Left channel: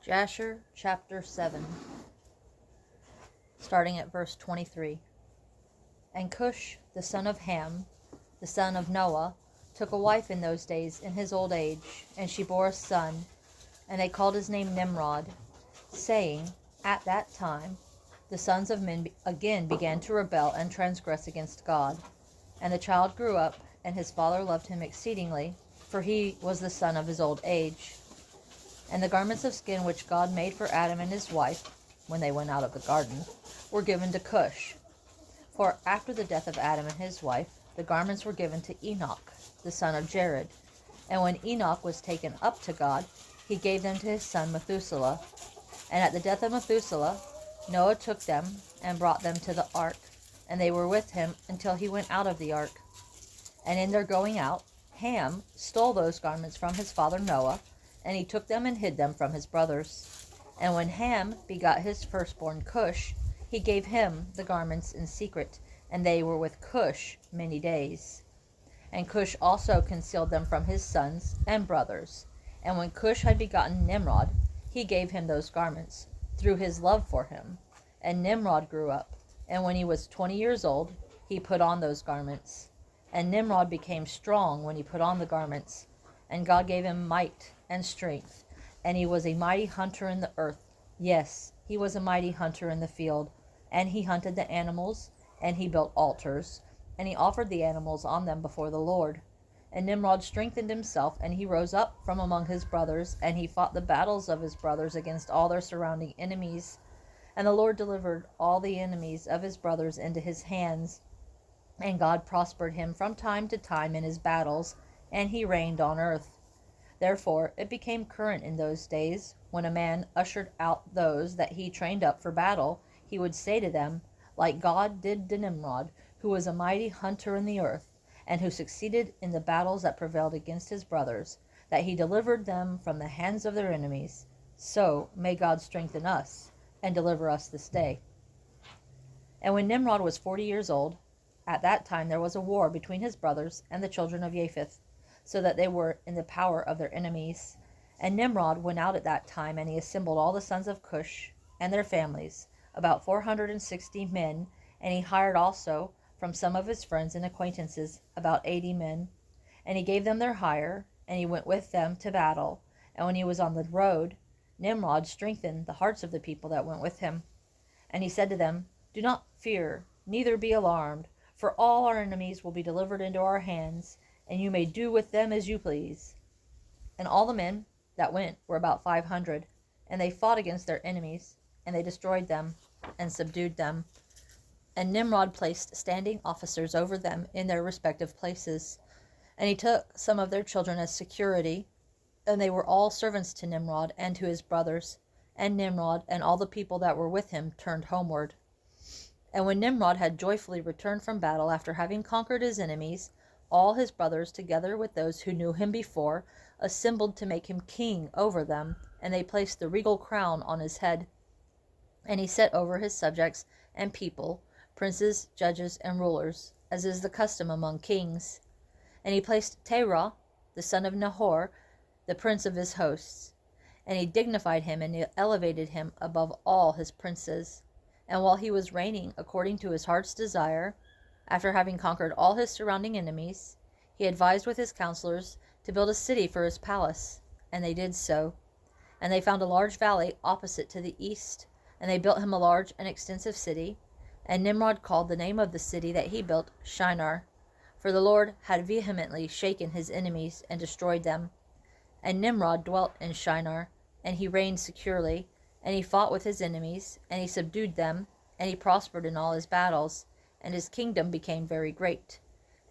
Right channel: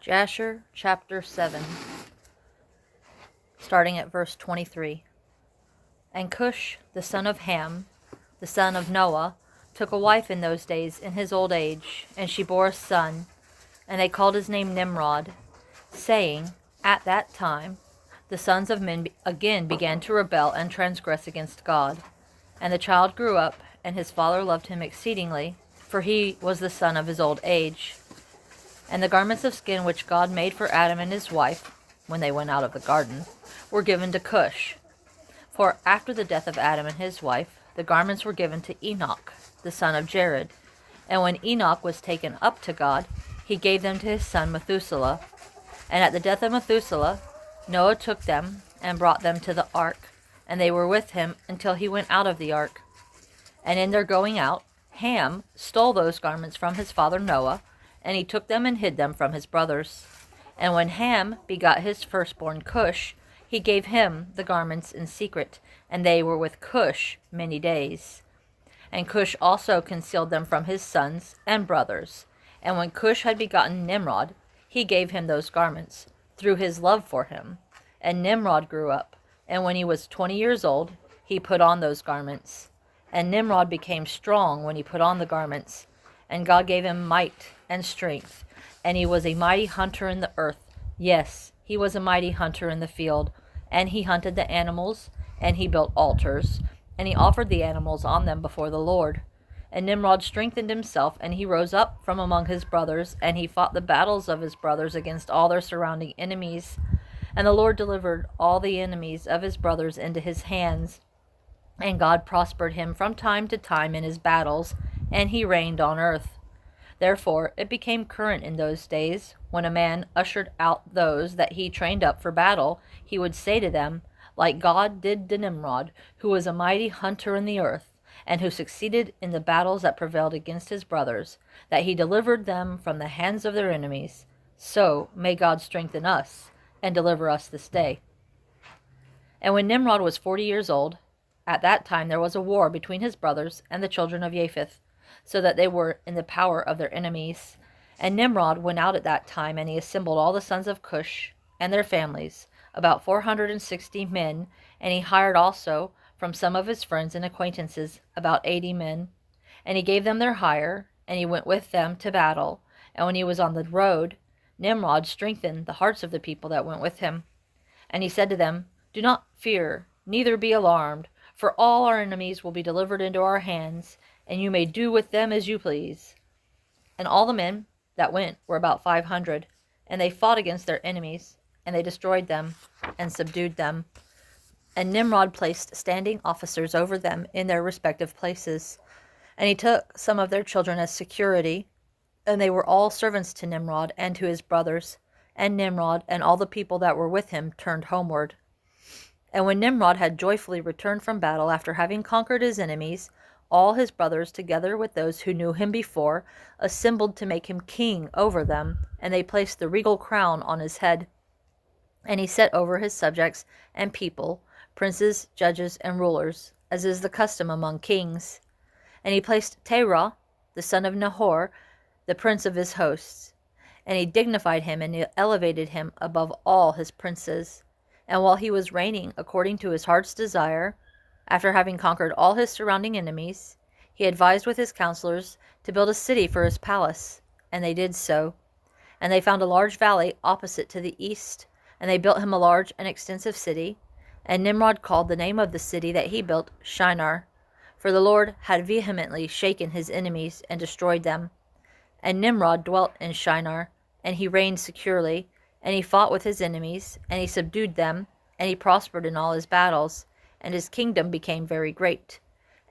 Jasher chapter 7, starting at verse 23. And Cush, the son of Ham, the son of Noah, took a wife in those days in his old age, and she bore a son, and they called his name Nimrod, saying, At that time the sons of men again began to rebel and transgress against God. And the child grew up, and his father loved him exceedingly, for he was the son of his old age. And the garments of skin which God made for Adam and his wife, when they went out of the garden, were given to Cush. For after the death of Adam and his wife, the garments were given to Enoch, the son of Jared. And when Enoch was taken up to God, he gave them to his son Methuselah. And at the death of Methuselah, Noah took them and brought them to the ark, and they were with him until he went out of the ark. And in their going out, Ham stole those garments from his father Noah, and he took them and hid them from his brothers. And when Ham begot his firstborn Cush, he gave him the garments in secret, and they were with Cush many days. And Cush also concealed them from his sons and brothers. And when Cush had begotten Nimrod, he gave him those garments, through his love for him. And Nimrod grew up, and when he was 20 years old, he put on those garments. And Nimrod became strong when he put on the garments, and God gave him might and strength, and he was a mighty hunter in the earth. Yes, he was a mighty hunter in the field, and he hunted the animals, and he built altars, and he offered the animals on them before the Lord. And Nimrod strengthened himself, and he rose up from among his brothers, and he fought the battles of his brothers against all their surrounding enemies. And the Lord delivered all the enemies of his brothers into his hands. And God prospered him from time to time in his battles, and he reigned on earth. Therefore it became current in those days, when a man ushered out those that he trained up for battle, he would say to them, like God did to Nimrod, who was a mighty hunter in the earth, and who succeeded in the battles that prevailed against his brothers, that he delivered them from the hands of their enemies. So may God strengthen us, and deliver us this day. And when Nimrod was 40 years old, at that time there was a war between his brothers and the children of Japheth, so that they were in the power of their enemies. And Nimrod went out at that time, and he assembled all the sons of Cush and their families, about 460 men, and he hired also from some of his friends and acquaintances about 80 men. And he gave them their hire, and he went with them to battle. And when he was on the road, Nimrod strengthened the hearts of the people that went with him. And he said to them, Do not fear, neither be alarmed, for all our enemies will be delivered into our hands, and you may do with them as you please. And all the men that went were about 500, and they fought against their enemies, and they destroyed them and subdued them. And Nimrod placed standing officers over them in their respective places. And he took some of their children as security, and they were all servants to Nimrod and to his brothers. And Nimrod and all the people that were with him turned homeward. And when Nimrod had joyfully returned from battle after having conquered his enemies, all his brothers, together with those who knew him before, assembled to make him king over them, and they placed the regal crown on his head. And he set over his subjects and people, princes, judges, and rulers, as is the custom among kings. And he placed Terah, the son of Nahor, the prince of his hosts. And he dignified him, and he elevated him above all his princes. And while he was reigning according to his heart's desire, after having conquered all his surrounding enemies, he advised with his counselors to build a city for his palace, and they did so. And they found a large valley opposite to the east, and they built him a large and extensive city. And Nimrod called the name of the city that he built Shinar, for the Lord had vehemently shaken his enemies and destroyed them. And Nimrod dwelt in Shinar, and he reigned securely, and he fought with his enemies, and he subdued them, and he prospered in all his battles, and his kingdom became very great.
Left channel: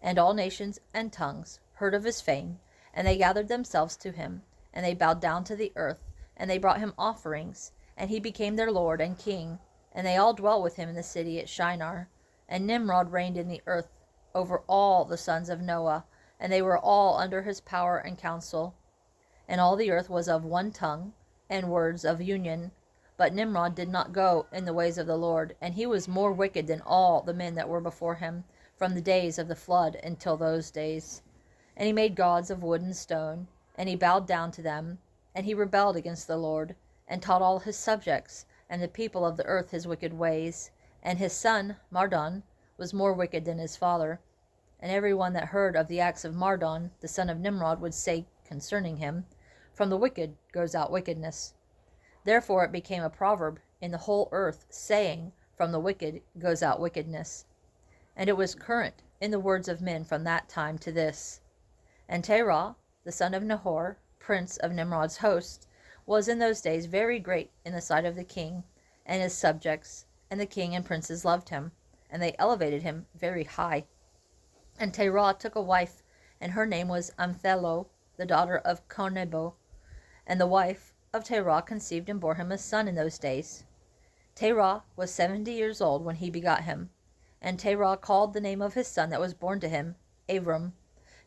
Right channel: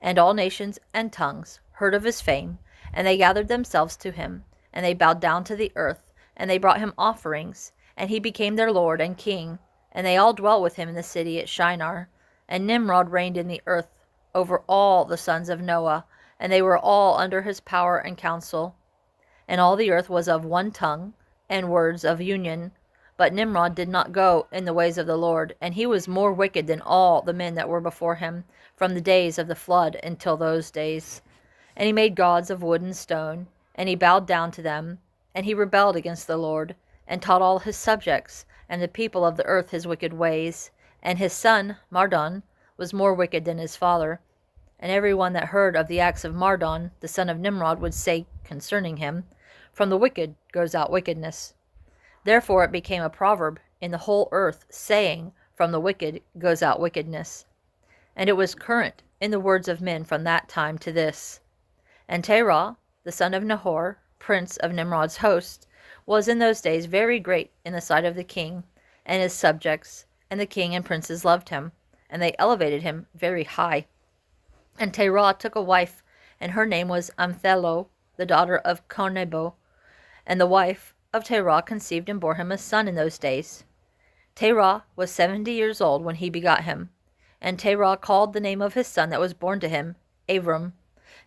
And all nations and tongues heard of his fame, and they gathered themselves to him, and they bowed down to the earth, and they brought him offerings, and he became their lord and king. And they all dwelt with him in the city at Shinar. And Nimrod reigned in the earth over all the sons of Noah, and they were all under his power and counsel. And all the earth was of one tongue, and words of union. But Nimrod did not go in the ways of the Lord, and he was more wicked than all the men that were before him, from the days of the flood until those days. And he made gods of wood and stone, and he bowed down to them, and he rebelled against the Lord, and taught all his subjects, and the people of the earth his wicked ways. And his son, Mardon, was more wicked than his father. And every one that heard of the acts of Mardon, the son of Nimrod, would say concerning him, From the wicked goes out wickedness. Therefore it became a proverb in the whole earth, saying, From the wicked goes out wickedness. And it was current in the words of men from that time to this. And Terah, the son of Nahor, prince of Nimrod's host, was in those days very great in the sight of the king and his subjects, and the king and princes loved him, and they elevated him very high. And Terah took a wife, and her name was Amthelo, the daughter of Cornebo. And the wife of Terah conceived and bore him a son in those days. Terah was 70 years old when he begot him. And Terah called the name of his son that was born to him Abram,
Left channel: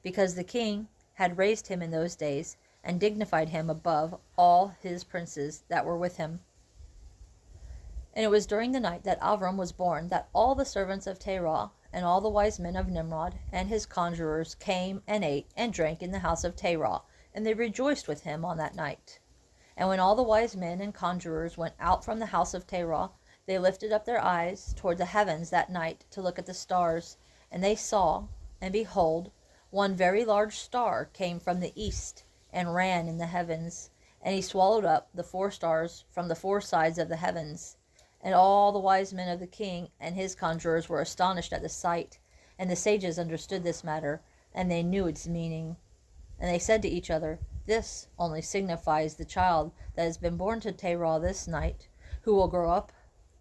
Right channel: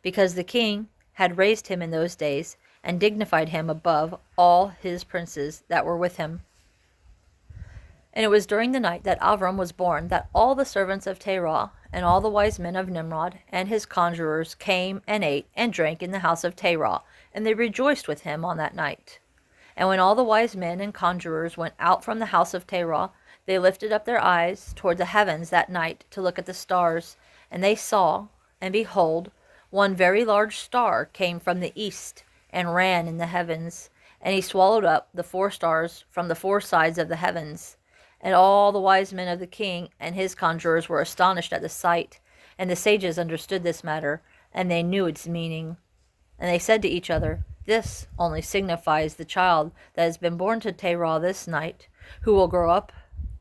because the king had raised him in those days, and dignified him above all his princes that were with him. And it was during the night that Avram was born that all the servants of Terah and all the wise men of Nimrod and his conjurers came and ate and drank in the house of Terah, and they rejoiced with him on that night. And when all the wise men and conjurers went out from the house of Terah, they lifted up their eyes toward the heavens that night to look at the stars, and they saw, and behold, one very large star came from the east, and ran in the heavens, and he swallowed up the 4 stars from the 4 sides of the heavens. And all the wise men of the king and his conjurers were astonished at the sight, and the sages understood this matter, and they knew its meaning. And they said to each other, This only signifies the child that has been born to Terah this night, who will grow up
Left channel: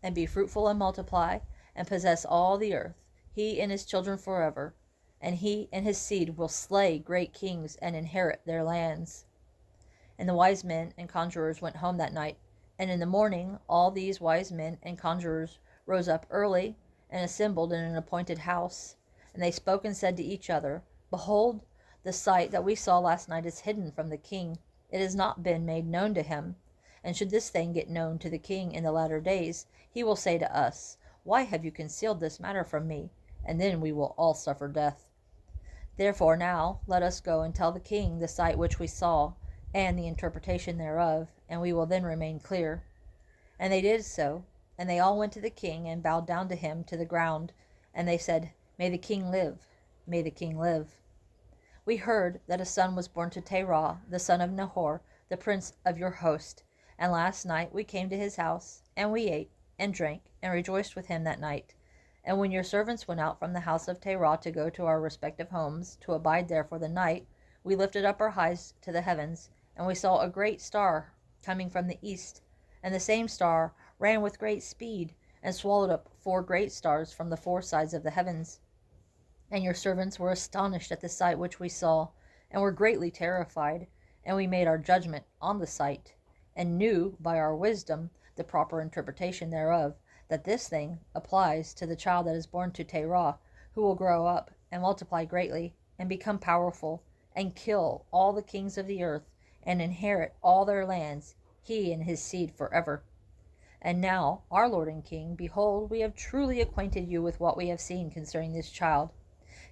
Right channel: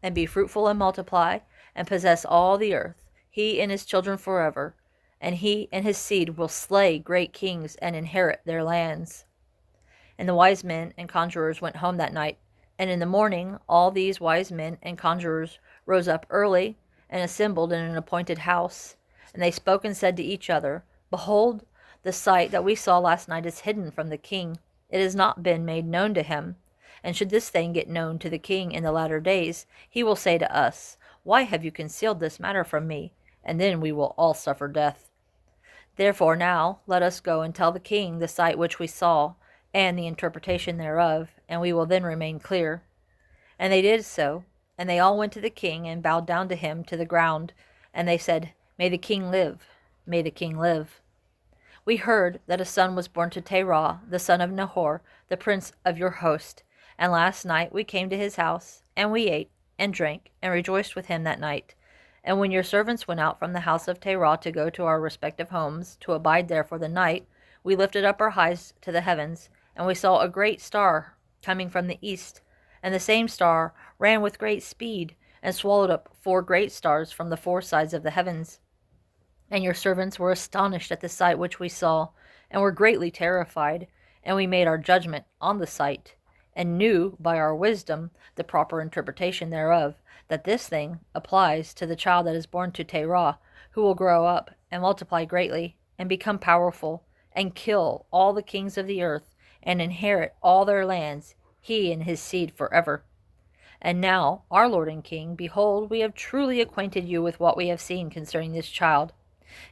and be fruitful and multiply, and possess all the earth, he and his children forever. And he and his seed will slay great kings and inherit their lands. And the wise men and conjurers went home that night. And in the morning all these wise men and conjurers rose up early and assembled in an appointed house. And they spoke and said to each other, Behold, the sight that we saw last night is hidden from the king. It has not been made known to him. And should this thing get known to the king in the latter days, he will say to us, Why have you concealed this matter from me? And then we will all suffer death. Therefore now let us go and tell the king the sight which we saw, and the interpretation thereof, and we will then remain clear. And they did so, and they all went to the king and bowed down to him to the ground, and they said, May the king live, may the king live. We heard that a son was born to Terah, the son of Nahor, the prince of your host, and last night we came to his house, and we ate and drank and rejoiced with him that night. And when your servants went out from the house of Terah to go to our respective homes, to abide there for the night, we lifted up our eyes to the heavens, and we saw a great star coming from the east. And the same star ran with great speed, and swallowed up 4 great stars from the 4 sides of the heavens. And your servants were astonished at the sight which we saw, and were greatly terrified. And we made our judgment on the sight, and knew by our wisdom the proper interpretation thereof, that this thing applies to the child that is born to Terah, who will grow up and multiply greatly, and become powerful, and kill all the kings of the earth, and inherit all their lands, he and his seed forever. And now, our Lord and King, behold, we have truly acquainted you with what we have seen concerning this child.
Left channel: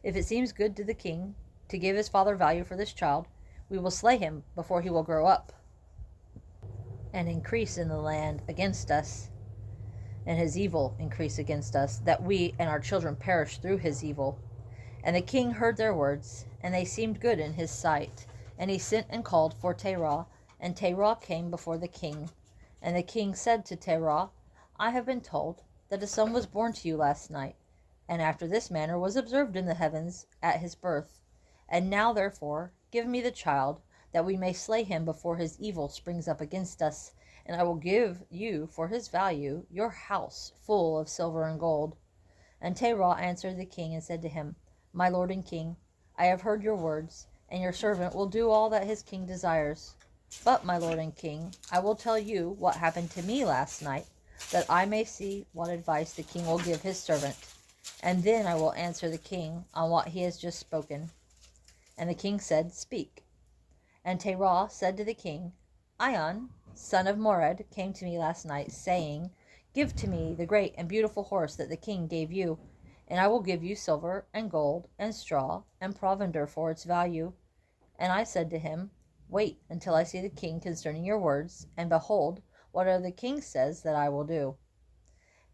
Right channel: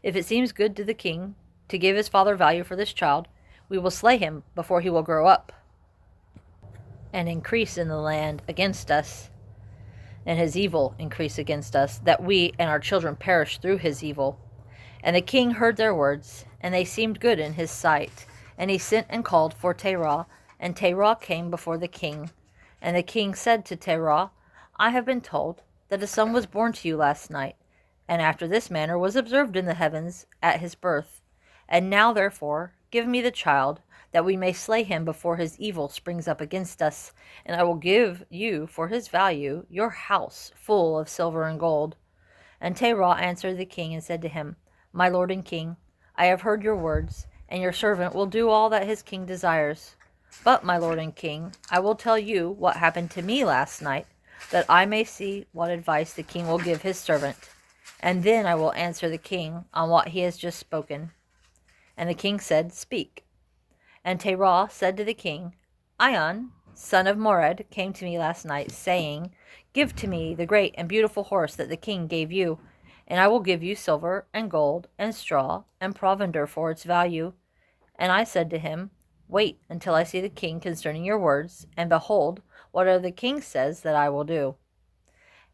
If it seems good to the king to give his father value for this child, we will slay him before he will grow up, and increase in the land against us, and his evil increase against us, that we and our children perish through his evil. And the king heard their words, and they seemed good in his sight. And he sent and called for Terah, and Terah came before the king. And the king said to Terah, I have been told that a son was born to you last night, and after this manner was observed in the heavens at his birth. And now therefore give me the child, that we may slay him before his evil springs up against us, and I will give you for his value your house full of silver and gold. And Terah answered the king and said to him, My lord and king, I have heard your words, and your servant will do all that his king desires. But, my lord and king, I will tell you what happened to me last night, that I may see what advice the king will give his servant, and then I will answer the king on what he has just spoken. And the king said, Speak. And Terah said to the king, Ion, son of Mored, came to me last night, saying, Give to me the great and beautiful horse that the king gave you, and I will give you silver and gold and straw and provender for its value. And I said to him, Wait until I see the king concerning your words, and behold, whatever the king says that I will do.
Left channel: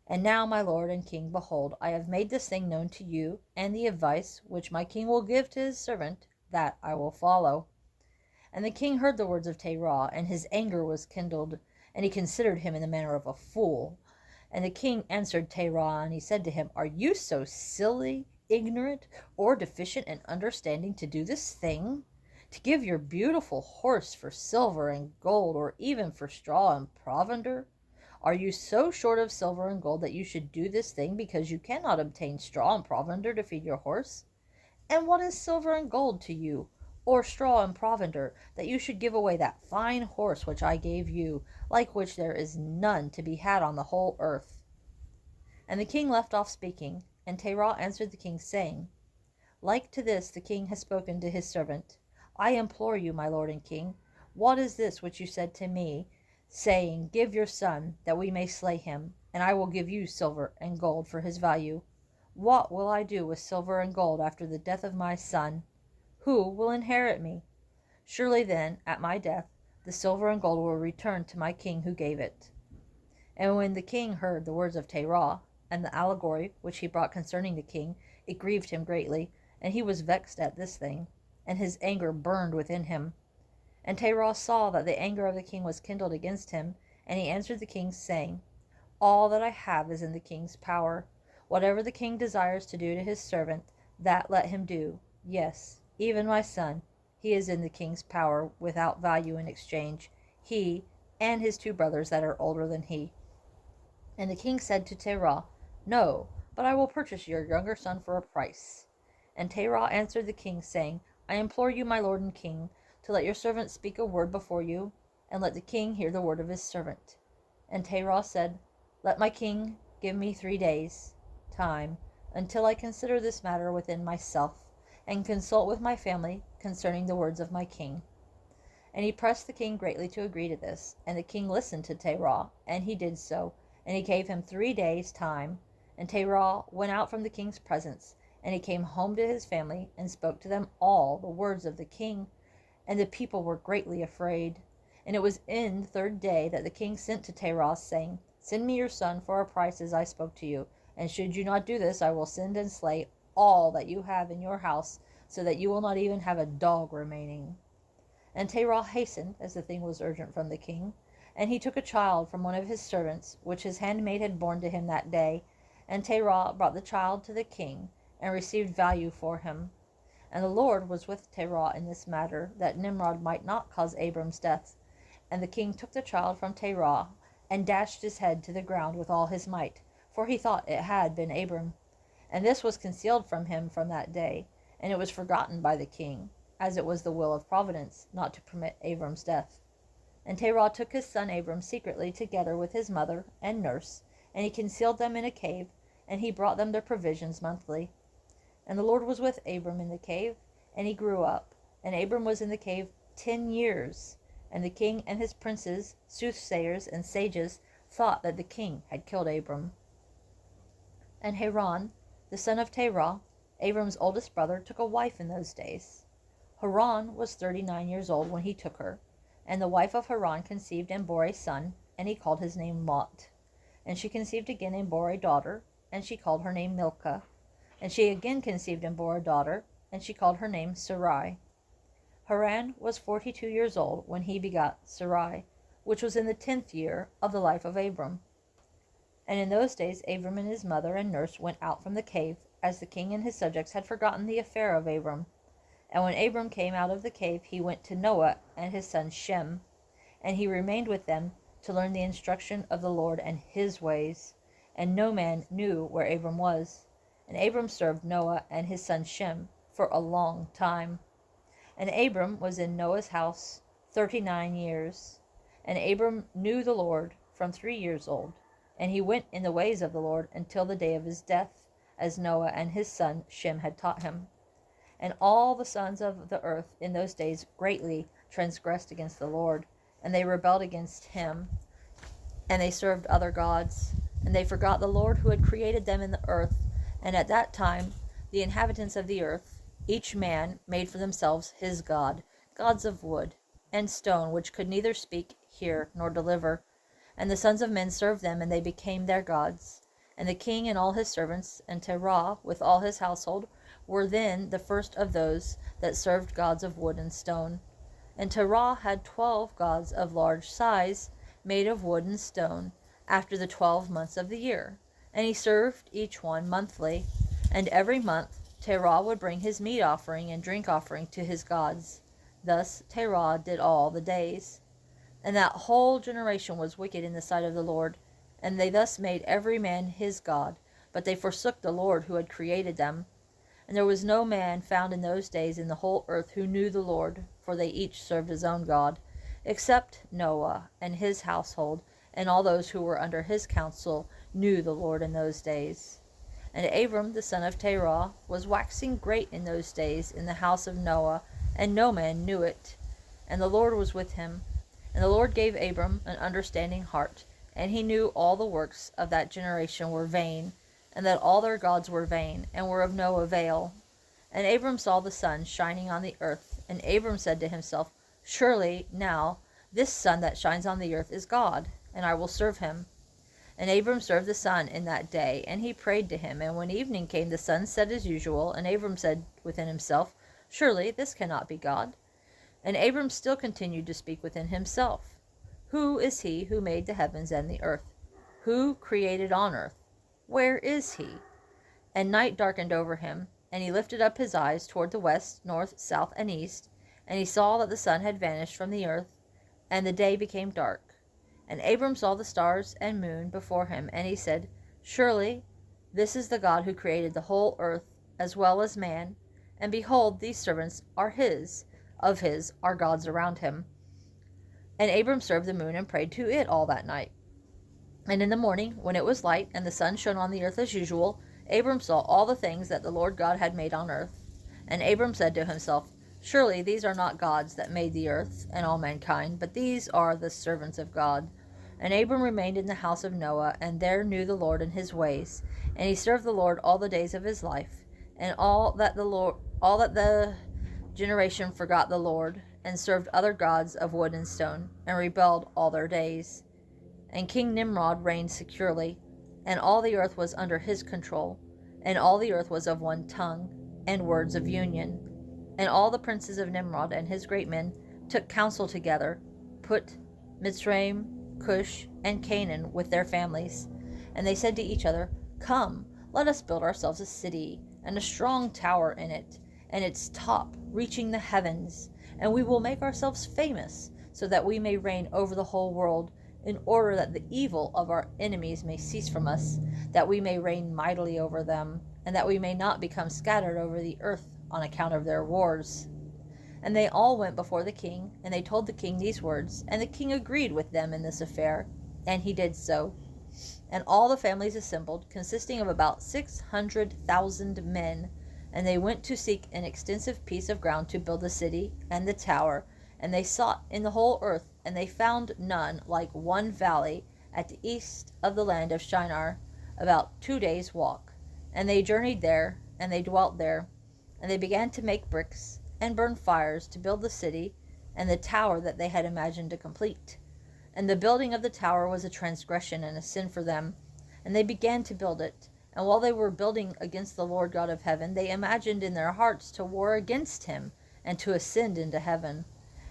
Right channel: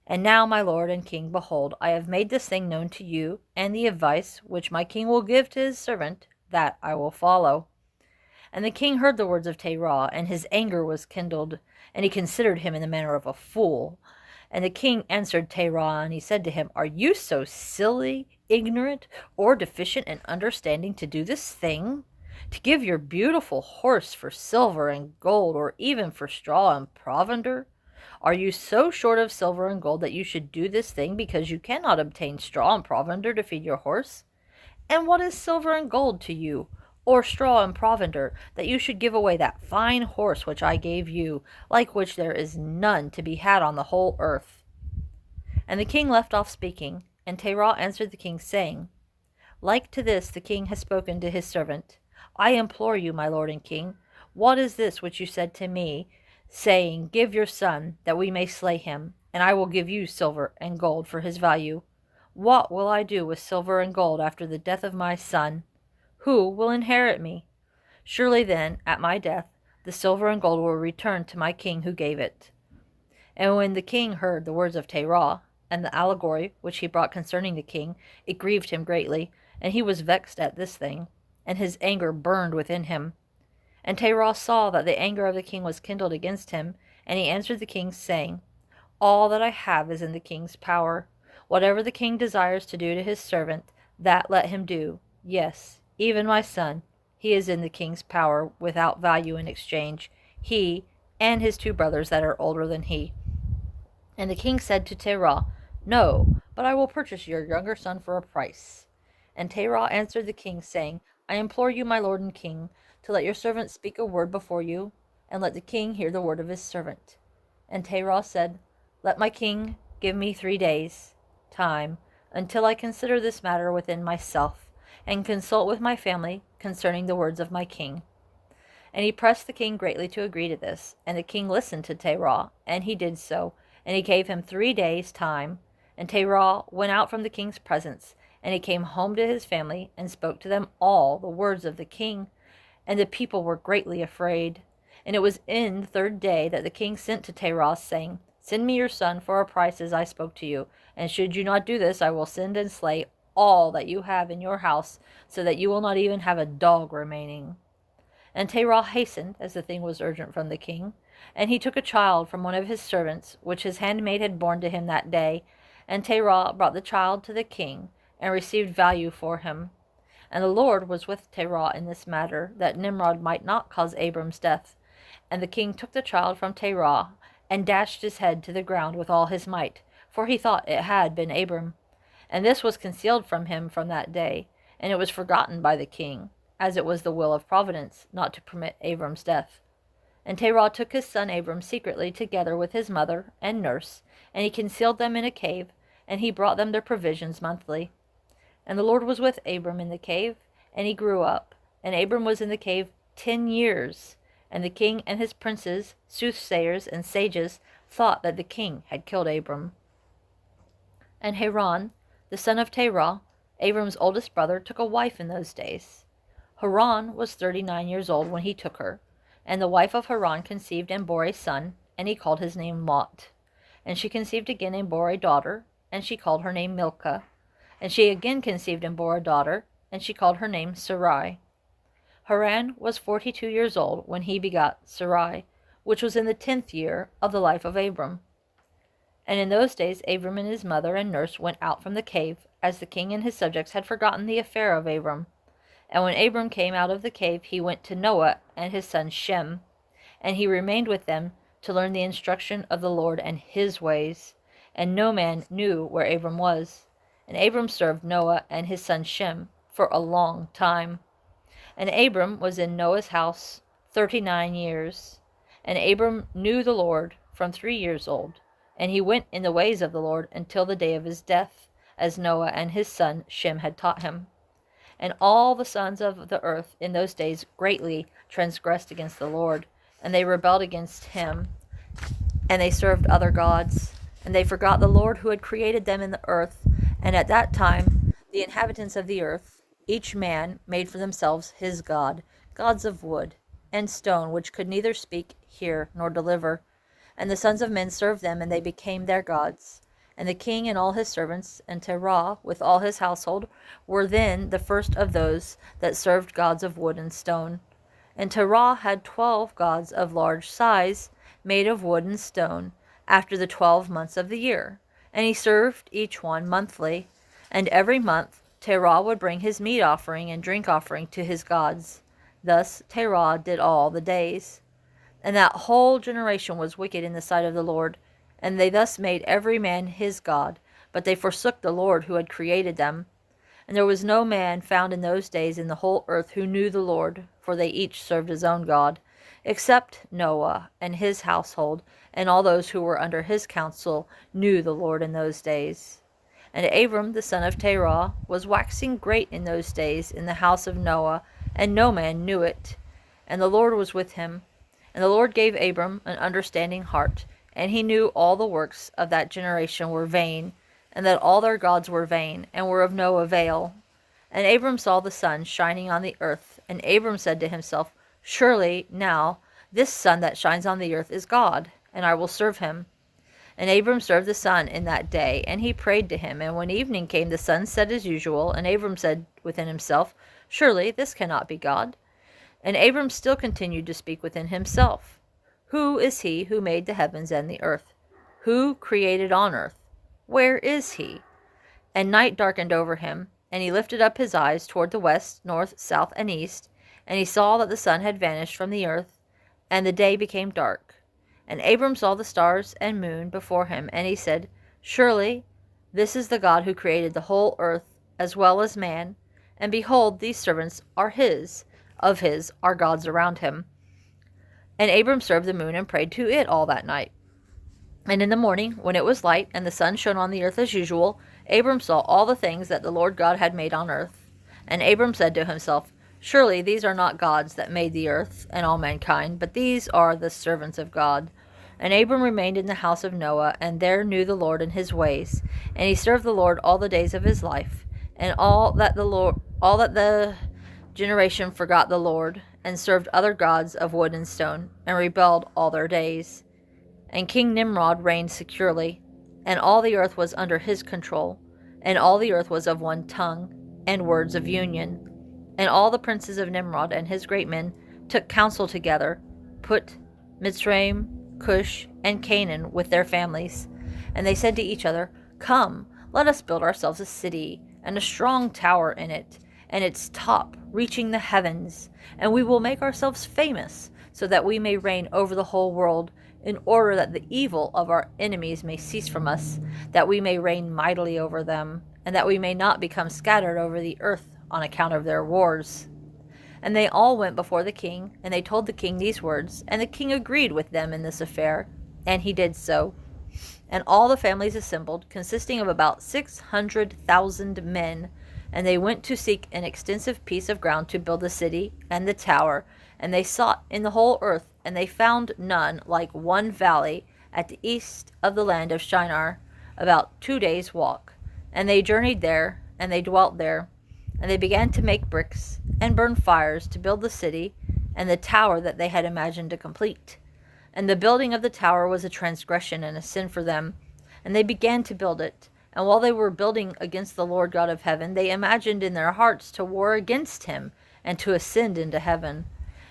And now, my lord and king, behold, I have made this thing known to you, and the advice which my king will give to his servant, that I will follow. And the king heard the words of Terah, and his anger was kindled, and he considered him in the manner of a fool. And the king answered Terah, and he said to him, Are you so silly, ignorant, or deficient in understanding to do this thing? To give your beautiful horse for silver and gold, or even for straw and provender? Are you so short of silver and gold that you should do this thing because you cannot obtain straw and provender to feed your horse? And what is silver and gold to you, or straw and provender, that you should give away that fine horse which I gave you, like which there is none to be had on the whole earth? And the king left off speaking, and Terah answered the king, saying, Like to this the king has spoken to his servant. I implore you, my lord and king, what is this which you said to me, saying, Give your son, that we may slay him, and I will give you silver and gold for his value? What will I do with silver and gold after the death of my son? Who will inherit me? Surely then, at my death, the silver and gold will return to my king who gave it. And when the king heard the words of Terah, and the allegory which he brought concerning the king, it grieved him greatly, and he was vexed at this thing, and his anger burned within him. And Terah saw that the anger of the king was kindled against him, and he answered the king, saying, All that I have is in the king's power. Whatever the king desires to do to his servant, that let him do. Yes, even my son, he is in the king's power without value in exchange, he and his 2 brothers that are older than he. And the king said to Terah, No, but I will purchase your younger son for a price. And Terah answered the king, saying, I implore you, my lord and king, to let your servant speak a word before you, and let the king hear the word of his servant. And Terah said, Let my king give me 3 days' time, until I consider this matter within myself, and consult with my family concerning the words of my king. And he pressed the king greatly to agree to this. And the king listened to Terah, and he did so, and he gave him 3 days' time. And Terah went out from the king's presence, and he came home to his family, and spoke to them all the words of the king. And the people were greatly afraid. And it was in the 3rd day that the king sent to Terah, saying, Send me your son for a price as I spoke to you. And should you not do this, I will send and slay all that you have in your house, so that you will not even have a dog remaining. And Terah hastened, as the thing was urgent from the king. And he took a child from one of his servants, which his handmaid had borne to him that day. And Terah brought the child to the king, and received value for him. And the Lord was with Terah in this matter, that Nimrod might not cause Abram's death. And the king took the child from Terah, and dashed his head to the ground with all his might, for he thought it had been Abram. And this was concealed from him from that day, and it was forgotten by the king, as it was the will of providence not to permit Abram's death. And Terah took his son Abram secretly together with his mother and nurse, and he concealed them in a cave, and he brought them their provisions monthly. And the Lord was with Abram in the cave, and he grew up. And Abram was in the cave 10 years. And the king and his princes, soothsayers, and sages thought that the king had killed Abram. And Haran, the son of Terah, Abram's oldest brother, took a wife in those days. Haran was 39 years old when he took her. And the wife of Haran conceived and bore a son, and he called his name Lot. And she conceived again and bore a daughter, and she called her name Milcah. And she again conceived and bore a daughter, and she called her name Sarai. Haran was 42 years old when he begot Sarai, which was in the 10th year of the life of Abram. And in those days Abram and his mother and nurse went out from the cave, as the king and his subjects had forgotten the affair of Abram. And when Abram came out of the cave, he went to Noah and his son Shem, and he remained with them to learn the instruction of the Lord and his ways. And no man knew where Abram was. And Abram served Noah and his son Shem for a long time. And Abram was in Noah's house 39 years. And Abram knew the Lord from 3 years old. And he went in the ways of the Lord until the day of his death, as Noah and his son Shem had taught him. And all the sons of the earth in those days greatly transgressed against the Lord, and they rebelled against him, and they served other gods, and they forgot the Lord who had created them in the earth. And at that time the inhabitants of the earth, each man made for themselves his god, gods of wood and stone, which could neither speak, hear, nor deliver. And the sons of men served them, and they became their gods. And the king and all his servants, and Terah with all his household, were then the first of those that served gods of wood and stone. And Terah had 12 gods of large size, made of wood and stone, after the 12 months of the year. And he served each one monthly. And every month Terah would bring his meat offering and drink offering to his gods. Thus Terah did all the days. And that whole generation was wicked in the sight of the Lord. And they thus made every man his god, but they forsook the Lord who had created them. And there was no man found in those days in the whole earth who knew the Lord, for they each served his own God, except Noah and his household, and all those who were under his counsel knew the Lord in those days. And Abram the son of Terah was waxing great in those days in the house of Noah, and no man knew it. And the Lord was with him. And the Lord gave Abram an understanding heart, and he knew all the works of that generation were vain, and that all their gods were vain, and were of no avail. And Abram saw the sun shining on the earth, and Abram said to himself, Surely now this sun that shines on the earth is God, and I will serve him. And Abram served the sun in that day, and he prayed to him. And when evening came, the sun set as usual, and Abram said within himself, Surely this cannot be God. And Abram still continued to speak within himself, Who is he who made the heavens and the earth? Who created on earth? Where is he? And night darkened over him, and he lifted up his eyes toward the west, north, south, and east, and he saw that the sun had vanished from the earth, and the day became dark. And Abram saw the stars and moon before him, and he said, Surely this is the God who created the whole earth, as well as man, and behold, these servants are of his are gods around him. And Abram served the moon and prayed to it all that night. And in the morning, when it was light, and the sun shone on the earth as usual, Abram saw all the things that the Lord God had made on earth. And Abram said to himself, Surely these are not gods that made the earth and all mankind, but these are the servants of God. And Abram remained in the house of Noah, and there knew the Lord in his ways. And he served the Lord all the days of his life. And all that the generation forgot the Lord, and served other gods of wood and stone, and rebelled all their days. And King Nimrod reigned securely, and all the earth was under his control, and all the earth was of one tongue, and words of union. And all the princes of Nimrod and his great men took counsel together, Put, Mitzrayim, Cush, and Canaan with their families. And they said to each other, Come, let us build ourselves a city, and a strong tower in it, and its top reaching the heavens, and we will make ourselves famous, so that we may reign over the whole world, in order that the evil of our enemies may cease from us, that we may reign mightily over them, and that we may not become scattered over the earth on account of their wars. And they all went before the king, and they told the king these words, and the king agreed with them in this affair, and he did so. And all the families assembled, consisting of about 600,000 men, and they went to seek an extensive piece of ground to build the city and the tower, and they sought in the whole earth, and they found none like one valley at the east of the land of Shinar, about 2 days' walk. And they journeyed there, and they dwelt there, and they began to make bricks, and burn fires to build the city, and the tower that they had imagined to complete. And the building of the tower was a transgression and a sin for them, and they began to build it. And while they were building against the Lord God of heaven, they imagined in their hearts to war against him, and to ascend into heaven.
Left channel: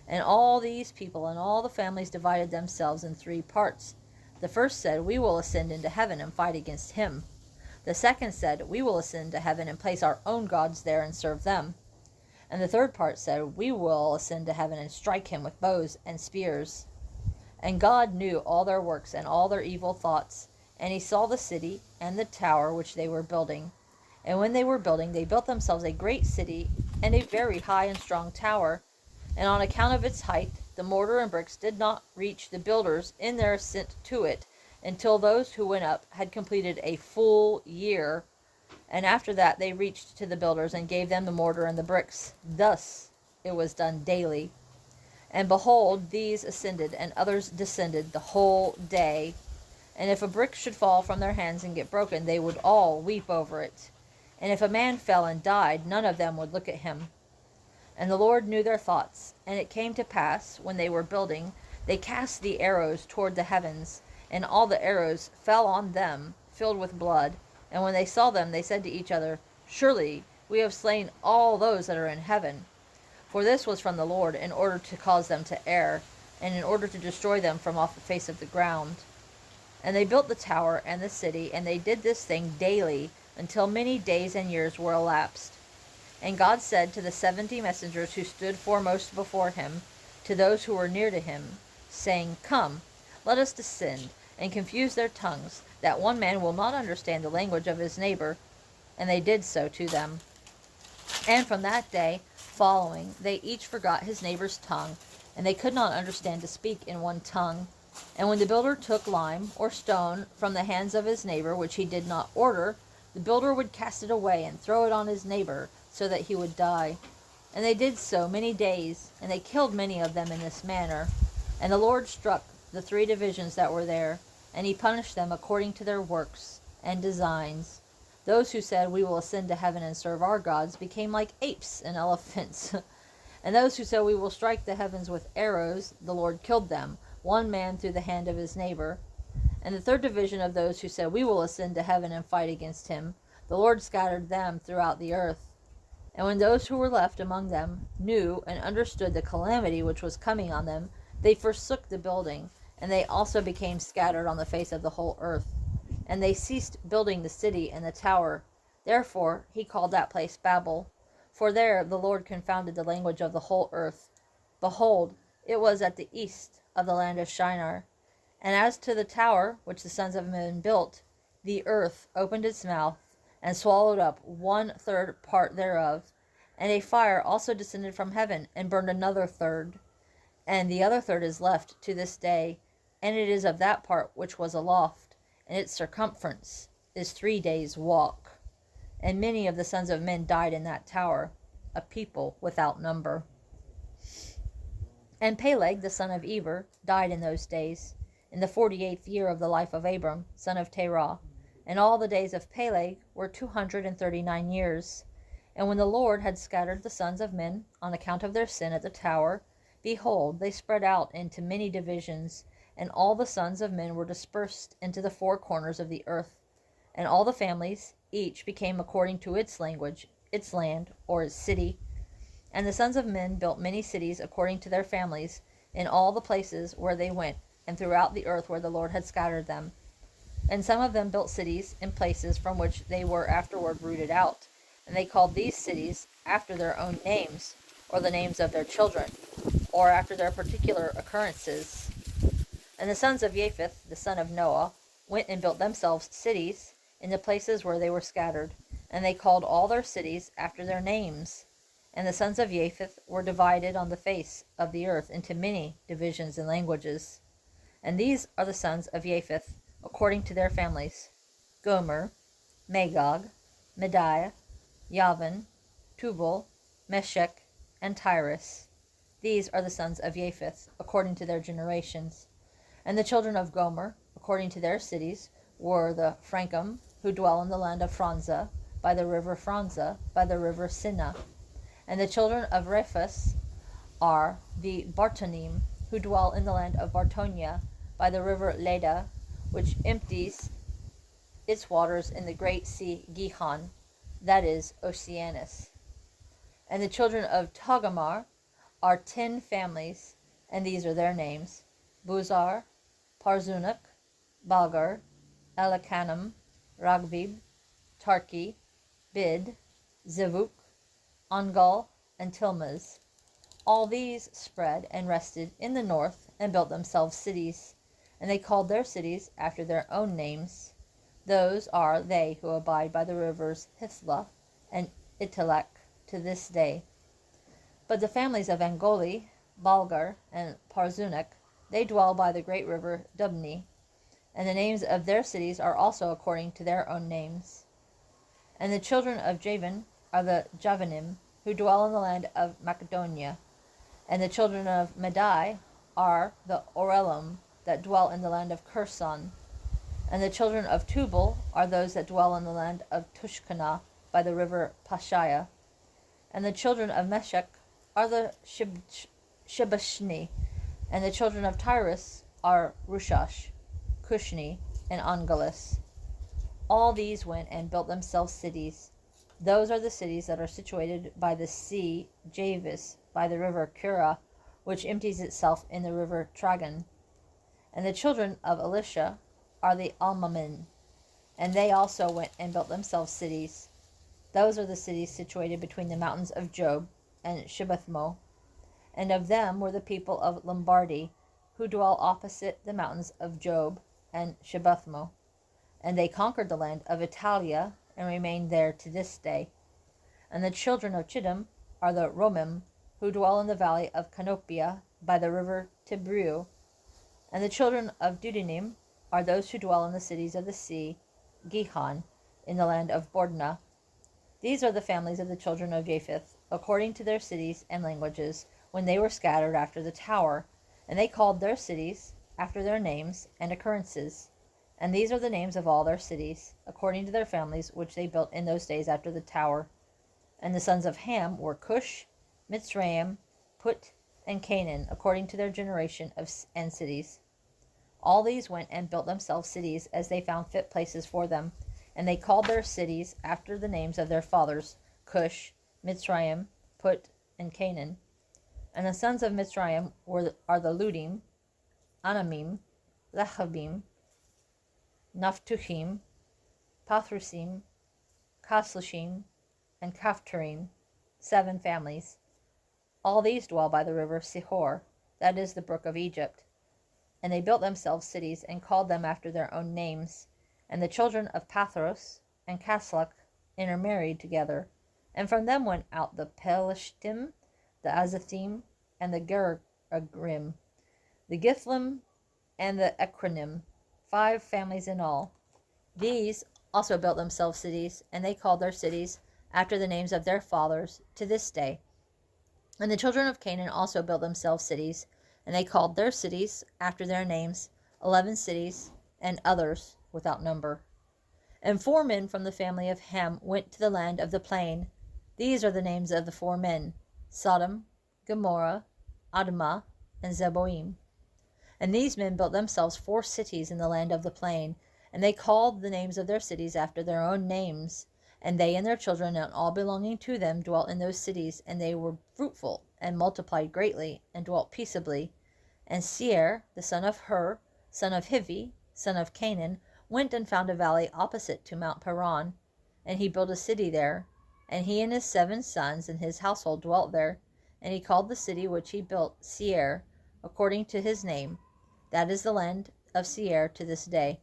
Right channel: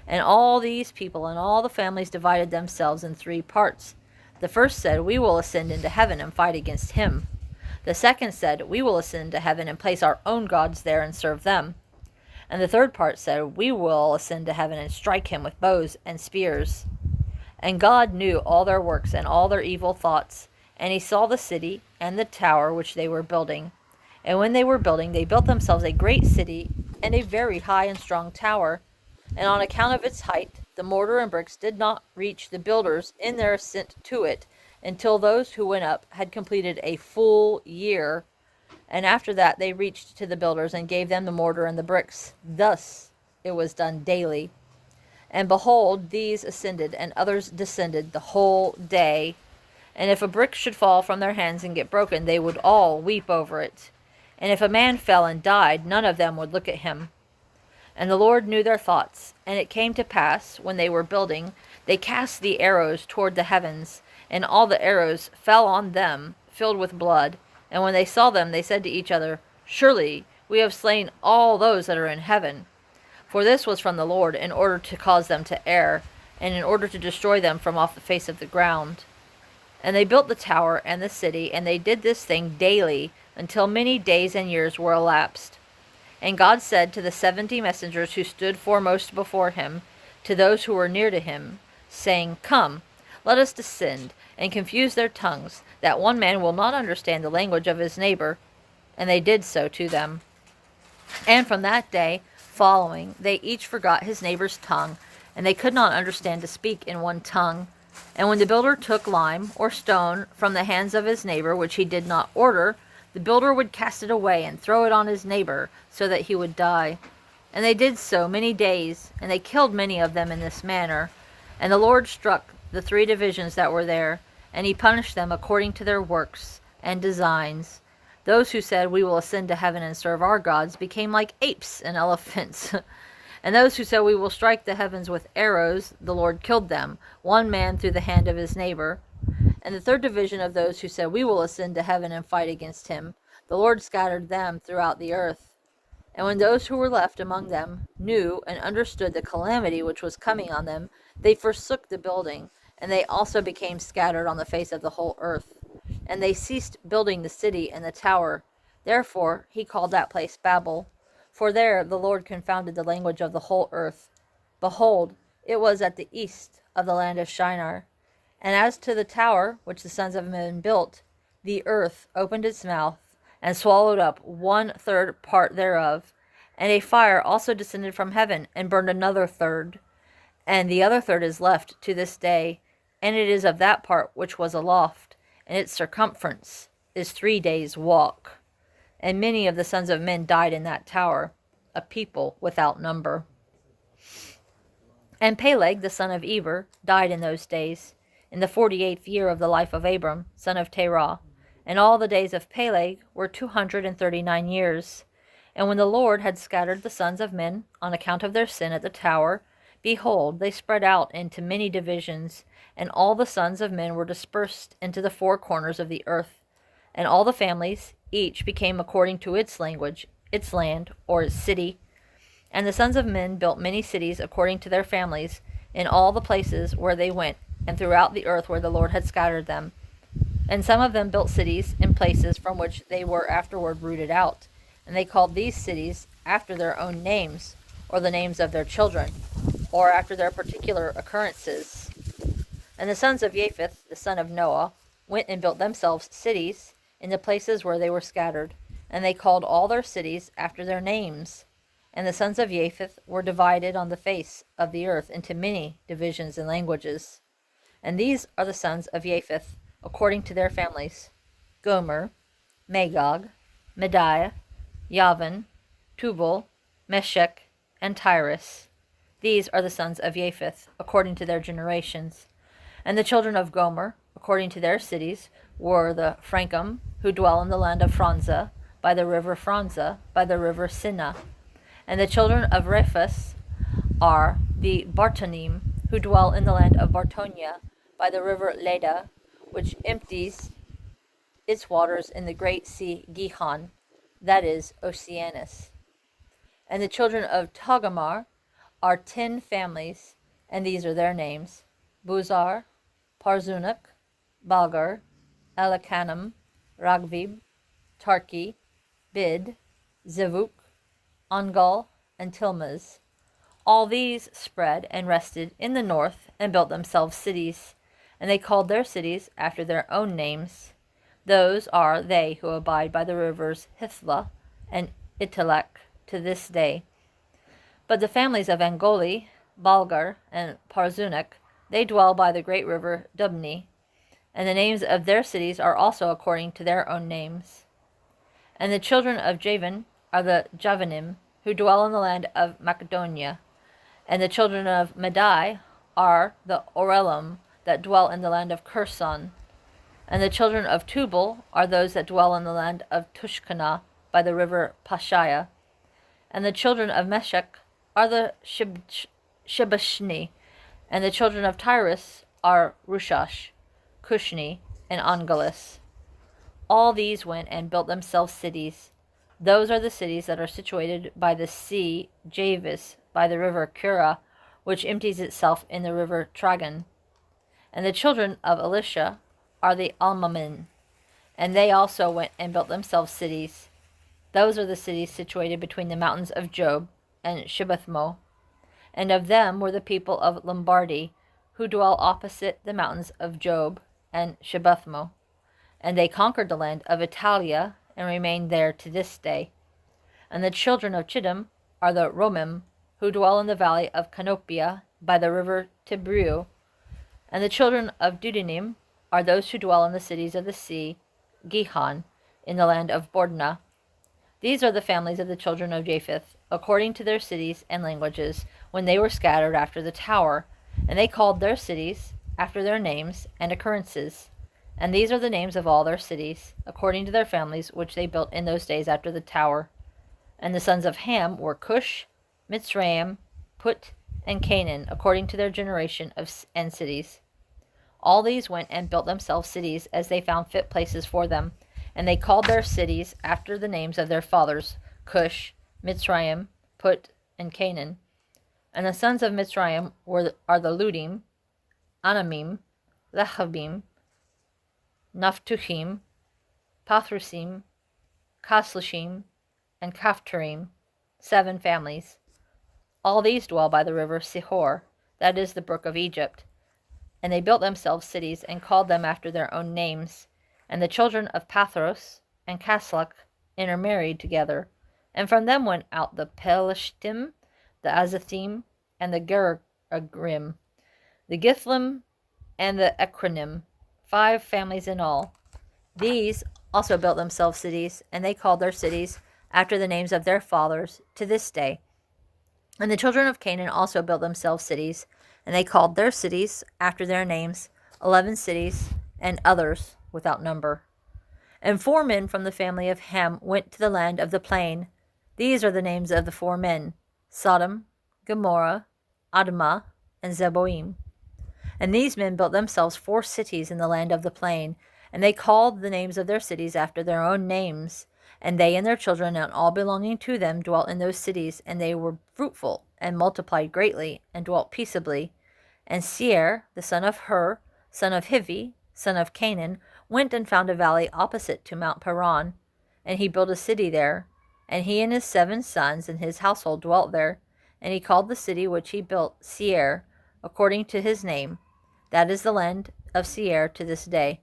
And all these people and all the families divided themselves in 3 parts. The first said, We will ascend into heaven and fight against him. The second said, We will ascend to heaven and place our own gods there and serve them. And the third part said, We will ascend to heaven and strike him with bows and spears. And God knew all their works and all their evil thoughts, and he saw the city and the tower which they were building. And when they were building, they built themselves a great city and a very high and strong tower. And on account of its height, the mortar and bricks did not reach the builders in their ascent to it, until those who went up had completed a full year. And after that they reached to the builders and gave them the mortar and the bricks. Thus it was done daily. And behold, these ascended and others descended the whole day. And if a brick should fall from their hands and get broken, they would all weep over it. And if a man fell and died, none of them would look at him. And the Lord knew their thoughts. And it came to pass, when they were building, they cast the arrows toward the heavens, and all the arrows fell on them, filled with blood. And when they saw them, they said to each other, Surely we have slain all those that are in heaven. For this was from the Lord, in order to cause them to err, and in order to destroy them from off the face of the ground. And they built the tower and the city, and they did this thing daily, until many days and years were elapsed. And God said to the 70 messengers who stood foremost before him, to those who were near to him, saying, Come, let us descend, and confuse their tongues, that one man will not understand the language of his neighbor. And they did so to them. And from that day following, they each forgot his neighbor's tongue, and they could not understand to speak in one tongue. And when the builder took lime or stone from the hands of his neighbor, which he did not order, the builder would cast it away and throw it on his neighbor, so that he would die. And they did so many days, and they killed many of them in this manner. And the Lord struck the 3 divisions that were there, and he punished them according to their works and designs. Those who said, We will ascend to heaven and serve our gods, became like apes and elephants. And those who said, We will strike the heavens with arrows, the Lord killed them, one man through the hand of his neighbor. And the 3rd division of those who said, We will ascend to heaven and fight against him, the Lord scattered them throughout the earth. And when those who were left among them knew and understood the calamity which was coming on them, they forsook the building, and they also became scattered on the face of the whole earth. And they ceased building the city and the tower. Therefore he called that place Babel, for there the Lord confounded the language of the whole earth. Behold, it was at the east of the land of Shinar. And as to the tower which the sons of men built, the earth opened its mouth, and swallowed up 1/3 part thereof. And a fire also descended from heaven, and burned another third. And the other third is left to this day, and it is of that part which was aloft, and its circumference is 3 days' walk. And many of the sons of men died in that tower, a people without number. And Peleg, the son of Eber, died in those days, in the 48th year of the life of Abram, son of Terah. And all the days of Peleg were 239 years. And when the Lord had scattered the sons of men on account of their sin at the tower, behold, they spread out into many divisions, and all the sons of men were dispersed into the 4 corners of the earth. And all the families, each became according to its language, its land, or its city. And the sons of men built many cities according to their families, in all the places where they went, and throughout the earth where the Lord had scattered them. And some of them built cities in places from which they were afterward rooted out. And they called these cities after their own names, or the names of their children, or after their particular occurrences. And the sons of Japheth, the son of Noah, went and built themselves cities in the places where they were scattered. And they called all their cities after their names. And the sons of Japheth were divided on the face of the earth into many divisions and languages. And these are the sons of Japheth, according to their families: Gomer, Magog, Medai, Yavin, Tubal, Meshech, and Tyrus. These are the sons of Japheth, according to their generations. And the children of Gomer, according to their cities, were the Frankim, who dwell in the land of Franza, by the river Franza, by the river Sinna. And the children of Rephus are the Bartonim, who dwell in the land of Bartonia, by the river Leda, which empties its waters in the great sea Gihon, that is, Oceanus. And the children of Togarmah are 10 families, and these are their names: Buzar, Parzunuk, Balgar, Elakanim, Ragbib, Tarki, Bid, Zevuk, Ongal, and Tilmaz. All these spread and rested in the north, and built themselves cities, and they called their cities after their own names. Those are they who abide by the rivers Hithla and Italek to this day. But the families of Angoli, Balgar, and Parzunuk, they dwell by the great river Dubni, and the names of their cities are also according to their own names. And the children of Javan are the Javanim, who dwell in the land of Macedonia. And the children of Medai are the Orelim, that dwell in the land of Curson. And the children of Tubal are those that dwell in the land of Tushkana, by the river Pashaya. And the children of Meshech are the Shibashni. And the children of Tyrus are Rushash, Cushni, and Ongalis. All these went and built themselves cities. Those are the cities that are situated by the sea Javis, by the river Kura, which empties itself in the river Tragan. And the children of Elisha are the Almamin, and they also went and built themselves cities. Those are the cities situated between the mountains of Job and Shibbathmo. And of them were the people of Lombardy, who dwell opposite the mountains of Job and Shibbathmo. And they conquered the land of Italia and remained there to this day. And the children of Chittim are the Romim, who dwell in the valley of Canopia by the river Tibreu. And the children of Dudanim are those who dwell in the cities of the sea, Gihon, in the land of Bordna. These are the families of the children of Japheth, according to their cities and languages, when they were scattered after the tower. And they called their cities after their names and occurrences. And these are the names of all their cities, according to their families, which they built in those days after the tower. And the sons of Ham were Cush, Mitzrayim, Put, and Canaan, according to their generation and cities. All these went and built themselves cities as they found fit places for them. And they called their cities after the names of their fathers, Cush, Mitzrayim, Put, and Canaan. And the sons of Mitzrayim are the Ludim, Anamim, Lechabim, Naphtuhim, Pathrusim, Kaslashim, and Kaphtarim, 7 families. All these dwell by the river Sihor, that is the brook of Egypt. And they built themselves cities and called them after their own names. And the children of Pathros and Kaslak intermarried together. And from them went out the Pelishtim, the Azathim, and the Geragrim, the Githlim, and the Ekranim, 5 families in all. These also built themselves cities, and they called their cities after the names of their fathers to this day. And the children of Canaan also built themselves cities, and they called their cities after their names, 11 cities, and others without number. And 4 men from the family of Ham went to the land of the plain. These are the names of the 4 men: Sodom, Gomorrah, Admah, and Zeboim. And these men built themselves 4 cities in the land of the plain, and they called the names of their cities after their own names. And they and their children and all belonging to them dwelt in those cities, and they were fruitful and multiplied greatly and dwelt peaceably. And Seir, the son of Hur, son of Hivi, son of Canaan, went and found a valley opposite to Mount Paran, and he built a city there. And he and his 7 sons and his household dwelt there. And he called the city which he built Seir, according to his name. That is the land of Seir to this day.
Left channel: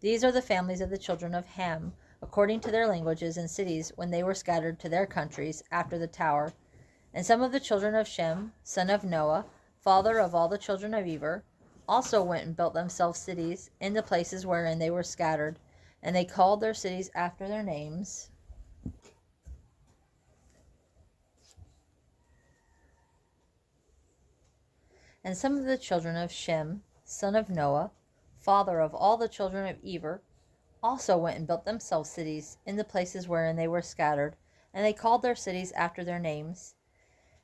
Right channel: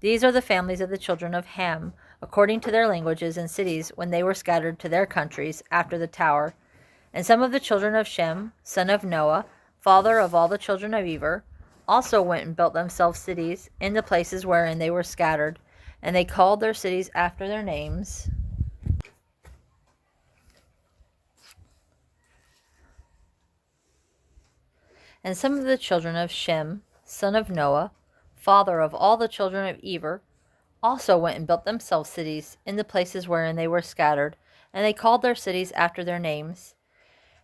These are the families of the children of Ham, according to their languages and cities, when they were scattered to their countries after the tower. And some of the children of Shem, son of Noah, father of all the children of Eber, also went and built themselves cities in the places wherein they were scattered, and they called their cities after their names. And some of the children of Shem, son of Noah, father of all the children of Eber, also went and built themselves cities in the places wherein they were scattered, and they called their cities after their names.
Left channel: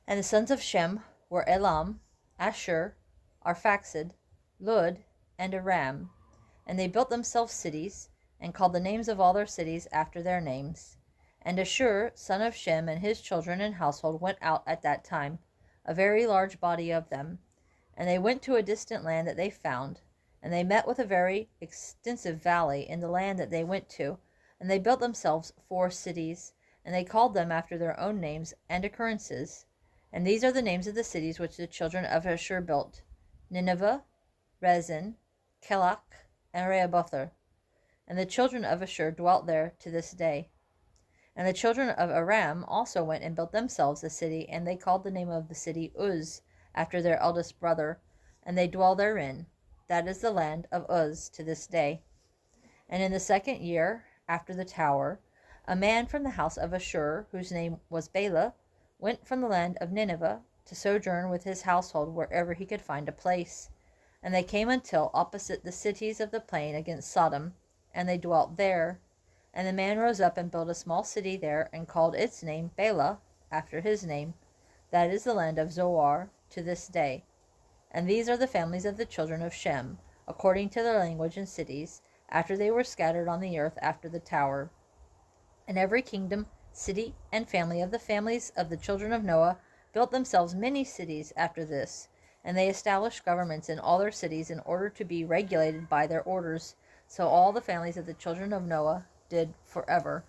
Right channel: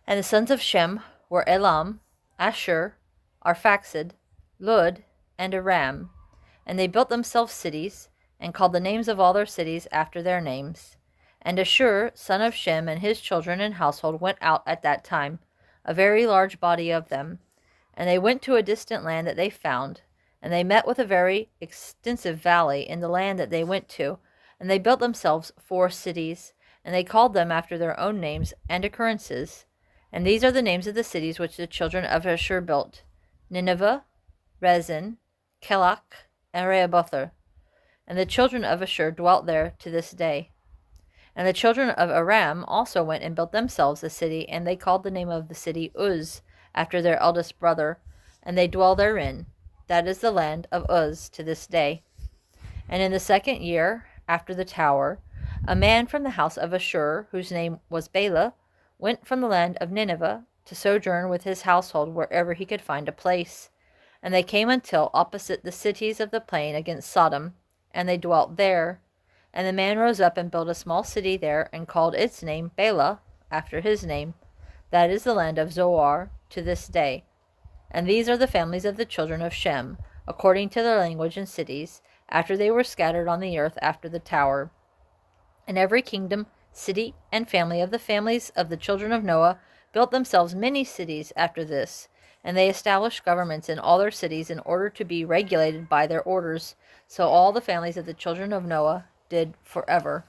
And the sons of Shem were Elam, Asher, Arphaxad, Lud, and Aram. And they built themselves cities, and called the names of all their cities after their names. And Ashur, son of Shem, and his children and household went out at that time, a very large body of them. And they went to a distant land that they found, and they met with a very extensive valley in the land that they went to, and they built themselves 4 cities, and they called them after their own names and occurrences. And these are the names of the cities which the children of Ashur built: Nineveh, Rezin, Kelach, and Rehoboth. And the children of Ashur dwelt there to this day. And the children of Aram also went and built themselves a city, and they called the name of the city Uz, after their eldest brother, and they dwell therein. That is the land of Uz to this day. And in the 2nd year after the tower, a man from the house of Ashur, whose name was Bela, went from the land of Nineveh to sojourn with his household wherever he could find a place. And they came until opposite the cities of the plain against Sodom, and they dwelt there. And the man rose up and built a small city there, and called its name Bela, after his name. That is the land of Zoar to this day. And these are the families of the children of Shem, according to their language and cities, after they were scattered on the earth after the tower. And every kingdom, city, and family of the families of the children of Noah built themselves many cities after this, and they established governments in all their cities in order to be regulated by their orders. So all the families of the children of Noah did forever.